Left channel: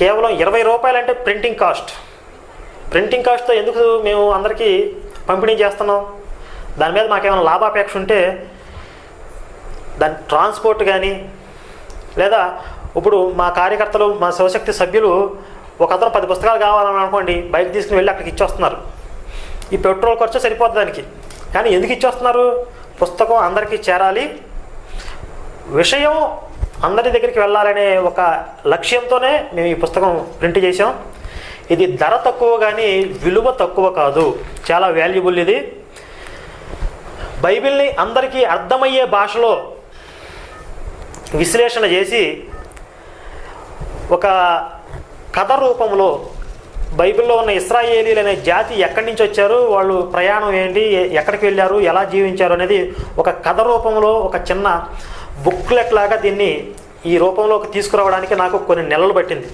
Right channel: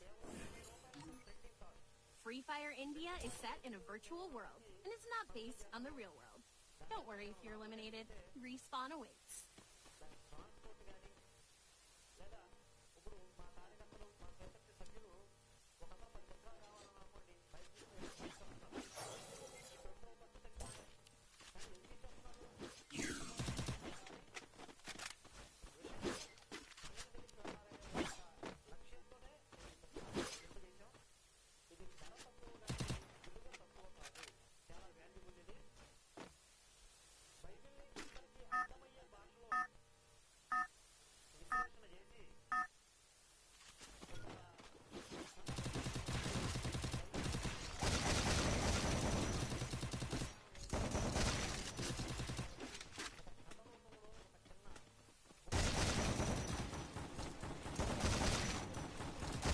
కేవలం ₹20 అంటే ప్రింటింగ్ కాస్ట్తో ఎందుకు మేము అందరికీ పంపిణీ చేస్తున్నాం? దాని మీద మాకేమైనా లాభాపేక్ష ఉంటే దాని ట్రాన్స్పోర్ట్ కానీ, లేదా ఇప్పుడు మా కార్యకర్తలు, మా శివశక్తి సభ్యులు ఒక అతను 10 పుస్తకాలు కావాలని అనుకోండి, బైక్ తీసుకుని వెళ్ళి అక్కడికి ఇచ్చొస్తున్నారు. ఈ పెట్రోల్ ఖర్చు సరిపోద్ది దానికి. కానీ ఎందుకు ఇచ్చొస్తున్నారు? పుస్తకం అందరికీ చేరాలి, విషయం అందరి దగ్గరికి వెళ్ళాలనే ఒక లక్ష్యంతోనే మేము ఈ పుస్తకం ప్రింట్ చేసాం. ఇది ధర తక్కువ కానీ విలువ తక్కువ కాదు, చాలా వాల్యుబుల్. ఇది బైబిల్ని అందరికీ అర్థమయ్యే భాషలో విశ్లేషణ చేసి ఒక కథ రూపంలో బైబిల్లో ఉన్న ఇశ్రాయేలీలు అనే జాతి ఎక్కడి నుంచి వచ్చారు, వాళ్ళు ప్రయాణం ఏంటి, ఎక్కడికి వెళ్ళారు, ఎలా జీవించారు అనేది ఒక కథ రూపంలో ఒక చిన్న బుక్లెట్ లాగా దీన్ని ఈ రూపంలోకి తీసుకురావడానికి నాకు కొన్ని నెలలు పట్టింది.